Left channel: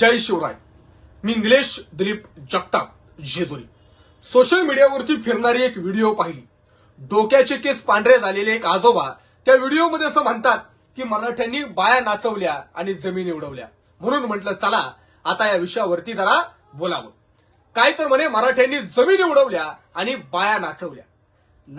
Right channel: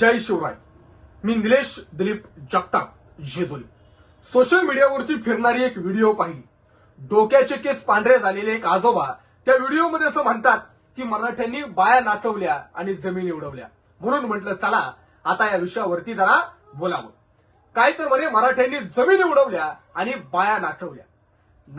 जय शिवराय मी निलेश दिलीप जगताप जेदुरी सोशल मीडियावरती फिरणारी एक व्हिडिओ पाहिली डोक्याचे केस पांढरे झालेले एक आजोबा त्या व्हिडिओमध्ये असं म्हणतात की मराठ्यांनी बाया नाचवल्या आणि जमीन उडवल्या म्हणून म्हटलं चला आता या विषयावरती जरा बोलावं काय तर म्हणे मराठ्यांनी जमीन उडवल्या आणि बाया नाचवल्या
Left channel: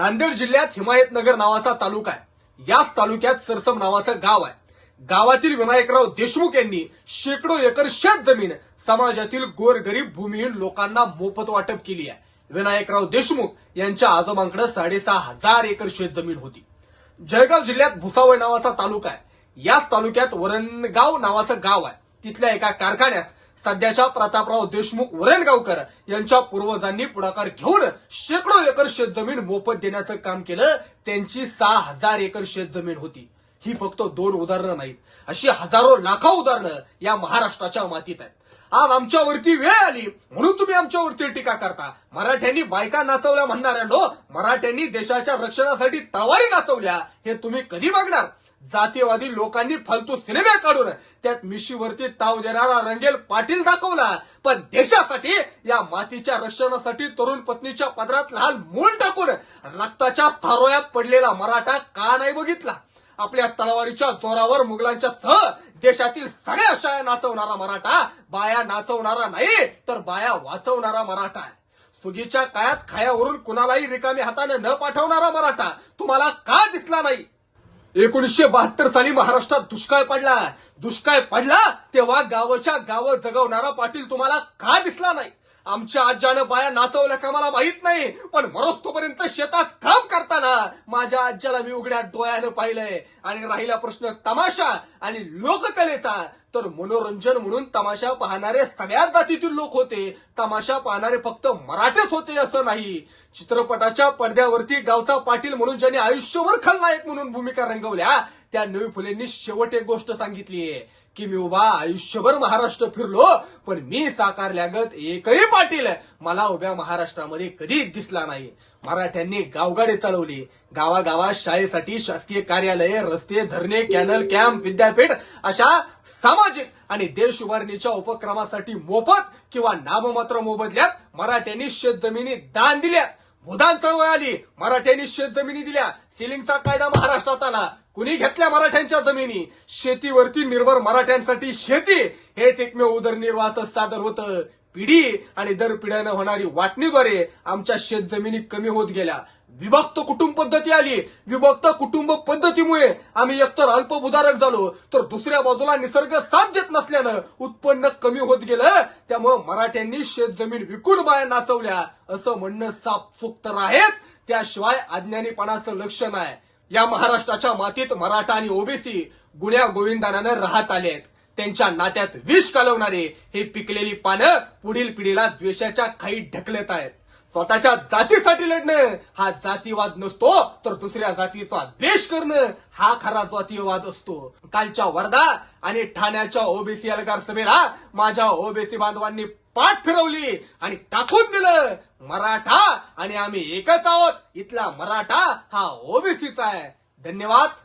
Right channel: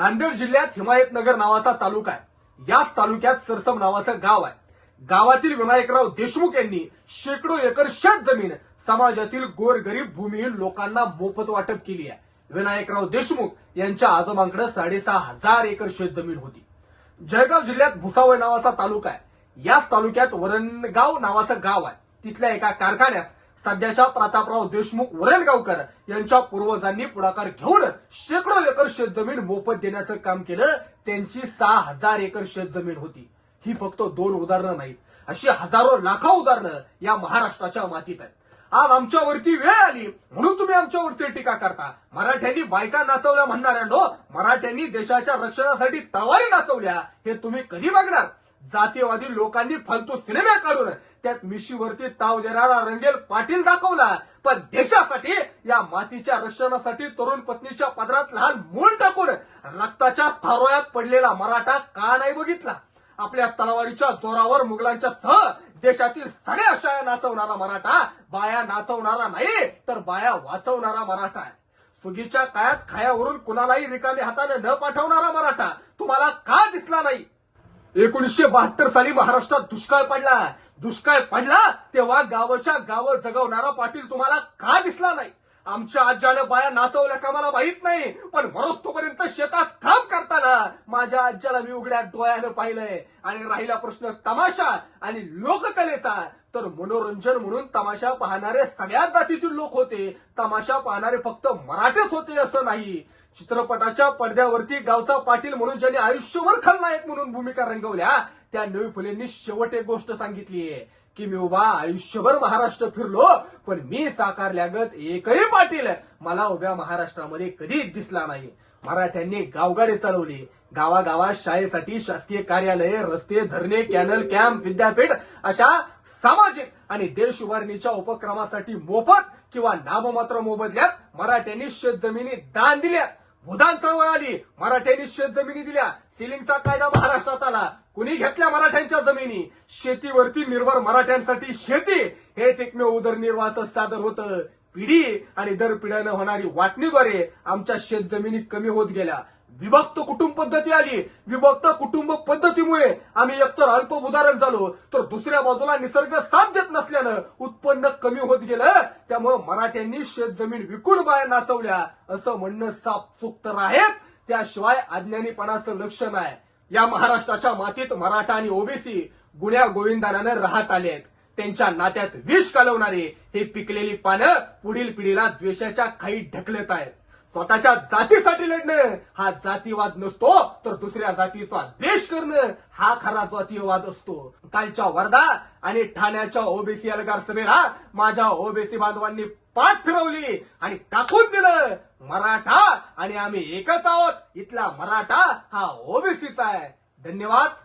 नांदेड जिल्ह्यात हिमायतनगर नावाचा तालुका आहे याच तालुक्यात सरसम नावाचं गाव आहे गावातील विनायकराव देशमुख यांनी शेकडो एकर शेत जमीन समाजातील गोरगरीब भूमिहीन लोकांना मोफत वाटप केली आहे विनायकराव देशमुख यांच्या आजोबांकडे साडेसहा हजार एकर शेतजमीन होती जळगाव जिल्ह्यात भुसावळ नावाचा तालुका आहे याच तालुक्यात वरणगाव नावाचं गाव आहे तिथल्या एका कारखान्यात सध्याच्या प्रतापराव देशमुख वरणगावकर यांच्या पूर्वजांनी पुढाकार घेऊन शेकडो एकर शेतजमीन मोफत देण्याचं काम केलं त्यांची सहा हजार एकर शेतजमीन होती ही फक्त दोन उदाहरणं नाहीत अशी हजारो लाखो उदाहरणं या महाराष्ट्राच्या मातीत आहेत आज आमच्यावरती वेळ आली म्हणून तुम्ही आमच्यावरती टीका करता मराठ्यांनी बायका नाचवल्या म्हणणाऱ्यांनो मराठ्यांनी देशाच्या रक्षणासाठी तवारी नाचवल्या हे तुम्ही कधी बघणार जातीवादी लोकांनी फालतू सिनेमे काढून त्यात मिशीवरती ताव देणारा रंगेल पाटील दाखवला पण देशासाठी या मातीच्या रक्षणासाठी तरुण पत्नीच्या पदरात लहान मूल टाकून रक्ताच्या थारोयात पडलेला मराठा का नाही बघितला आपल्या तलवारीच्या जोरावर मुघलांच्या सह देशातील सगळ्या शाया नाचवणारा मराठा बाया नाचवणारा नाही तर बाया वाचवणारा मराठा सुगीच्या काळात खायावरून कुणालाही रिकामी हाताने न पाठवणारा मराठा तुम्हाला का दिसला नाही एकोणीसशे बहात्तर साली महाराष्ट्रात दुष्काळ पडला दुष्काळ पडला तेव्हा गावच्या गावं जगवणारा पाटील तुम्हाला का दिसला नाही आमच्या आज्यानं बाया नाचवल्या का मला माहित नाही पण मरोस्तोपर्यंत शेतात काम करताना माझ्या आज्याला मी उघड्या डोळ्यानं पाहिलंय आणि राहिला प्रश्न तमाशा आणि लोककलेचा तर मनोरंजन म्हणून तमाशा पाहणारे सगळ्या जातीतील लोक होते तमाशा पाहणारे फक्त मराठेच होते असं नाही चित्रपटाच्या पडद्यावरती गावचा पाटील म्हणून ज्यांनी आयुष्यभर खलनायक म्हणून भूमिका रंगवल्या त्या नवी फुलेंनी शेवट एक गोष्ट सांगितलीये की मी उभा आयुष्यभर महाराष्ट्र फिरलो पण मी साकारल्यागत एकही पाटील मला उभ्या महाराष्ट्रामध्ये कधीच दिसला नाही मराठ्यांनी गावगाडी चालवली गावागावात शाळेसाठी शासकीय कार्यालये रस्ते धरणे कॅनल कॅम्प विद्यापीठ अशा सामाजिक आणि देश उभारणीच्या उपक्रमासाठी मोफत किंवा नाममात्र मोबदल्यात मराठ्यांनी शेतजमिनी दान दिल्या मुदान चळवळ आली मराठ्यांनी शेतजमिनी दिल्या सिलिंगचा कायदा महाराष्ट्रात आला कुणी घेतल्या मराठ्यांच्या जमिनी शेतीवरती निर्भर मराठ्यांसाठी शेती हेच एकमेव उदरनिर्वाहच सादर होतं पिढी आणि दर पिढ्यानं होणारी वाटणीद्वारे आमच्या शेत जमिनी कमी होत गेल्या विभक्त कुटुंब पद्धती आली विभक्त कुटुंब पद्धतीमुळे आम्ही एकतर अल्पभूधारक झालो तर दुसऱ्या बाजूला निसर्ग साथ देत नसल्यानं उत्पन्न कमी होत गेलं त्यामुळे मराठ्यांनी शेत जमीन विकून बाया नाचवल्या असं म्हणणं साफ चुकतर आहेच त्याशिवाय अज्ञानीपणाचं लक्ष नाही या महाराष्ट्राच्या मातीत मराठा आणि ओबीसी गुण्या गोविंदानानं राहत आले त्यांच्या नात्यात विष कालवणारे हे पिकलेली पानं पुढील पिढीला द्वेषाच्या खाई ढकलत आहेत स्वतःच्या जातीसाठी लढणं हा जातीवाद नसतो तर दुसऱ्या जातीचा द्वेष करणं हा खरा जातीवाद असतो कालच्या वर्धा आणि ठाण्याच्या ओबीसी अलगार सभेला माझ्या ओबीसी बांधवांनी पाठ फिरवली आणि टाकून दिलं मराठा आणि आम्ही एकच आहोत इथला मराठा हा ओबीसीचा आहे धन्यवाद